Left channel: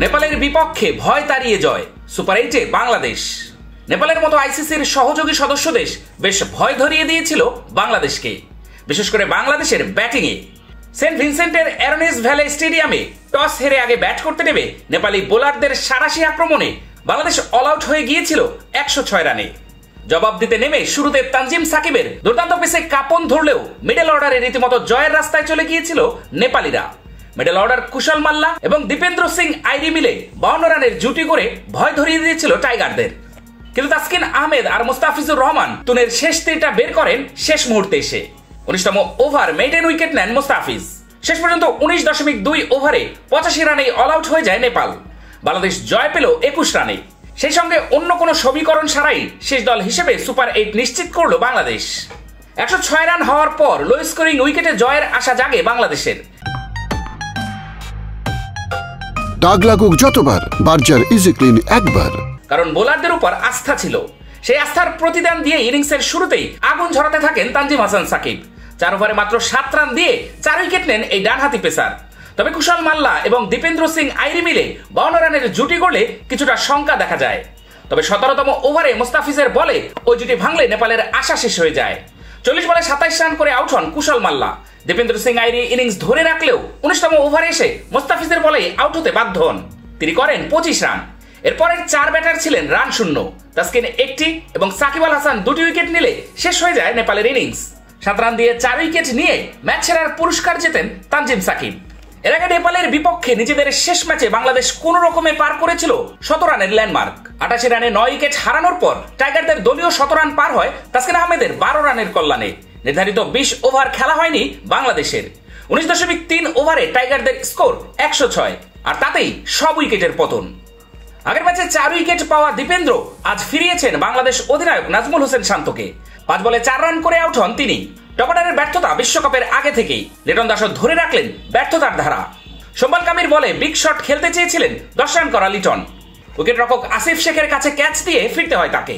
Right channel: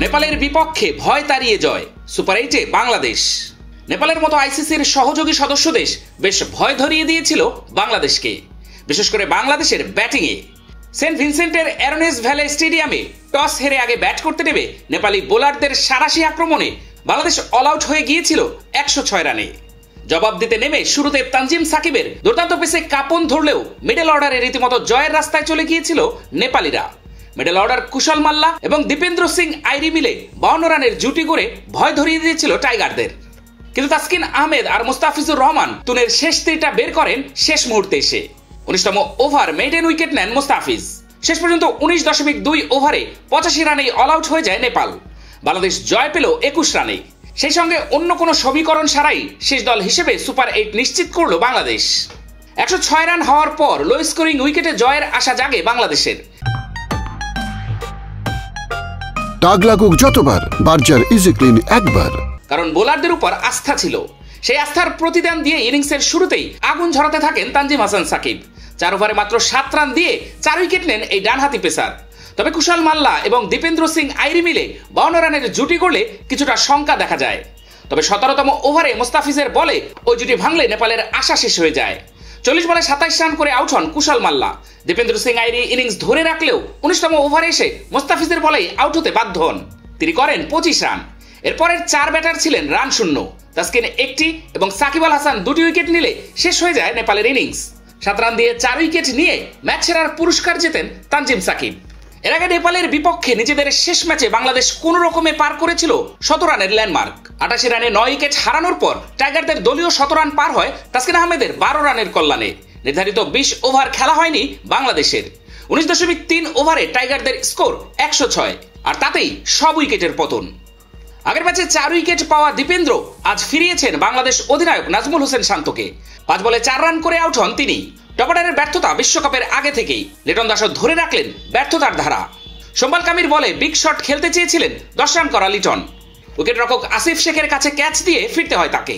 নেপালের বিপক্ষে ভয় তাড়িয়ে জয়, সুপার 8-এ বাংলাদেশ। নেপালের মতো আইসিসির সহযোগী সদস্য দেশ বেশ ভয় ধরিয়ে দিয়েছিল বাংলাদেশকে, বিশেষ করে বাংলাদেশের ব্যাটিংয়ে। সেন্ট ভিনসেন্টের অ্যারোনেস ভ্যালে স্টেডিয়ামে টস হেরে আগে ব্যাট করতে নেমে নেপালি বোলারদের সাঁড়াশি আক্রমণে বাংলাদেশ অল আউট হয়ে গিয়েছিল 106 রানে। জবাব দিতে নেমে শুরুতে তানজিম সাকিবের দুর্দান্ত পেসে কাঁপন ধরলেও মিডল অর্ডারে রীতিমতো জয়ের রাস্তায় চলে গিয়েছিল নেপালিরা। মিডল অর্ডার কুশল মাল্লা এবং দীপেন্দ্র সিং আইরি মিলে 52 রানের জুটি করে ভয় ধরিয়ে দিয়েছিল টাইগারদের। কিন্তু তাসকিন আহমেদ আর মুস্তাফিজুর রহমান তুনের শেষ তীরটা বের করেন শেষ মুহূর্তে এসে। 19তম ওভার মেইডেন উইকেট নেন মুস্তাফিজ। শেষ পর্যন্ত 19.2 ওভারে 85 রানেই অল আউট হয়ে যায় নেপাল। বাংলাদেশ জয় পেল 21 রানে। সেই সঙ্গে অন্য কোনো সমীকরণ ছাড়াই শেষ দল হিসেবে সুপার 8 নিশ্চিত করল বাংলাদেশ। 106 রান হওয়ার পর লো স্কোরিং উইকেটে জয়ের আশা জাগে বাংলাদেশের। দাগ লাগুক যতবার, বার্জার ইজি ক্লিন একবার। কারণ বোলারদের উপর আস্থা ছিল। সেই আস্থার প্রতিদান দিয়ে ইনিংসের শুরুতেই আগুন ঝরাতে থাকেন তানজিম হাসান সাকিব। 4 ওভারে মাত্র 7 রান দিয়ে 4 উইকেট নেন এই ডানহাতি পেসার। তবে কুশল মাল্লা এবং দীপেন্দ্র সিং আইরি মিলে 52 রানের জুটি করলে কিছুটা শঙ্কা দেখা যায়। তবে 17তম ওভারে মুস্তাফিজের বলে ওই জুটি ভাঙলে নেপালের আশা শেষ হয়ে যায়। 40 বলে 27 রান করে আউট হন কুশল মাল্লা। দীপেন্দ্র সিং আইরি ইনিংস ধরে রাখলেও 19তম ওভারে এসে মুস্তাফিজের বলে আউট হতে বাধ্য হন। তিনি করেন 25 রান। এরপরের 4 ব্যাটার ছিলেন রান শূন্য। তাসকিন 1টি এবং সাকিব আল হাসান 2টি উইকেট নিলে শেষ হয়ে যায় নেপালের ইনিংস। 7 রান দিয়ে 4 উইকেট নিয়ে ম্যাচ সেরার পুরস্কার জেতেন তানজিম সাকিব। এর আগে নেপালের বিপক্ষে নিজেদের শেষ ম্যাচে বাংলাদেশ কোন রকমে পার করেছিল 100 রানের ল্যান্ডমার্ক। 88 রানে 9 উইকেট হারানোর পর টাইগারদের দলীয় 100 রান পার হয় তাসকিন আহমেদের 12 রানের কল্যাণে। নির্ধারিত 20 ওভার খেলা হয়নি বাংলাদেশের। 19.3 ওভারে টাইগারদের স্কোর 106, আর তাতেই সব উইকেটের পতন। আগের ম্যাচে 4 উইকেট পাওয়া দীপেন্দ্র আজ ফিরিয়েছেন বাংলাদেশ অধিনায়ক নাজমুল হোসেন শান্তকে। 5 বলে 4 রান করে আউট হন তিনি। টপ অর্ডারের ব্যর্থতা বিশ্বকাপের আগে থেকেই। লিটন দাসও ধরে রাখলেন ব্যর্থতার ধারা। সোম্বাল কামির বলে বিগ শট খেলতে চেয়েছিলেন 10 রান করা লিটন। উইকেট রক্ষক আসিফ শেখের কাছে ক্যাচ দিয়ে ফিরতে হয় তাকে।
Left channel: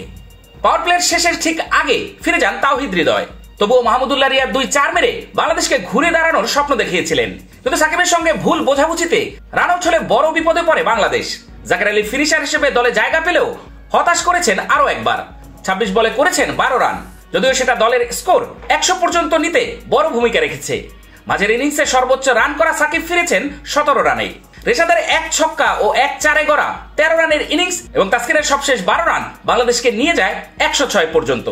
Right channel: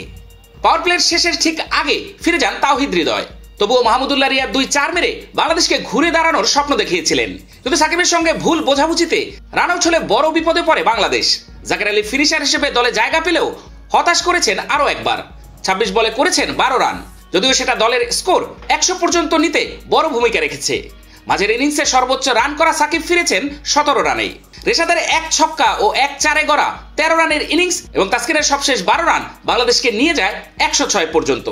পাওয়ার প্লের শেষের ঠিক আগে ফিরে যান তাওহিদ হৃদয়। তবুও মাহমুদুল্লাহ রিয়াদ 2-4 মেরে বাংলাদেশকে ঘুরে দাঁড়ানোর স্বপ্ন দেখিয়েছিলেন। কিন্তু সাকিবের সঙ্গে ভুল বোঝাবুঝিতে রান আউট হলে বড় বিপদে পড়ে বাংলাদেশ। জাকের আলী ফিনিশার হিসেবে দলে জায়গা পেলেও হতাশ করেছেন আরো একবার। 26 বলে করেছেন 12 রান, যদিও সেটা দলের স্কোর 100 পর্যন্ত নিতে বড় ভূমিকা রেখেছে। মাঝের ইনিংসে সর্বোচ্চ রান করা সাকিব ফিরেছেন 17 রানে। রেশাদের 1 ছক্কা ও 1 চারে গড়া 13 রানের ইনিংস এবং তাসকিনের সবশেষ 12 রান বাংলাদেশকে নিয়ে যায় 106 পর্যন্ত।